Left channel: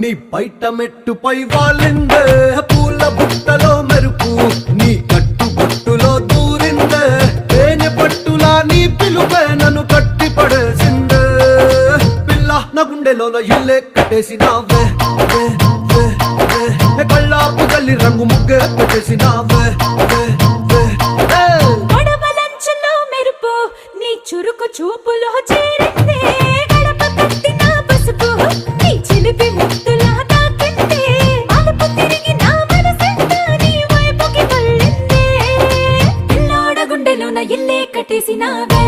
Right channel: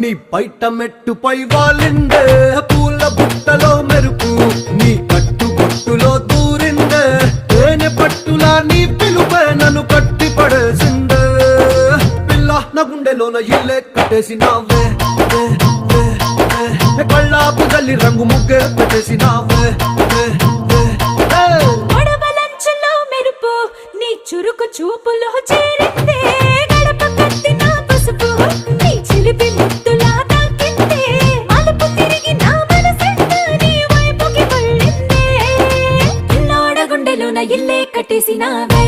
నీ బయట మెట్టుపై వాలిందే పూల బుట్టలో మెరుపు నీ కట్టు బొట్టులో దూరిందే తేనె పట్టులా నీ పిలుపే నన్ను కట్టి పడేసిందే పిల్ల నా గుండెలోన ఇల్లే కట్టేసినావే కళ్ళాపు గల్లి రంగు ముగ్గే పెట్టేసినావే నీ చురుకు చూపులో చేరిందే గడప కట్టిన పసుపు నీ చిలిపి ముద్దులా తాకిందే అలుపు తిరిగి నా మనసంతా నీ వైపుకి మళ్ళిందే పిల్లోడ గుండెలోన ఇల్లే కట్టేసినావే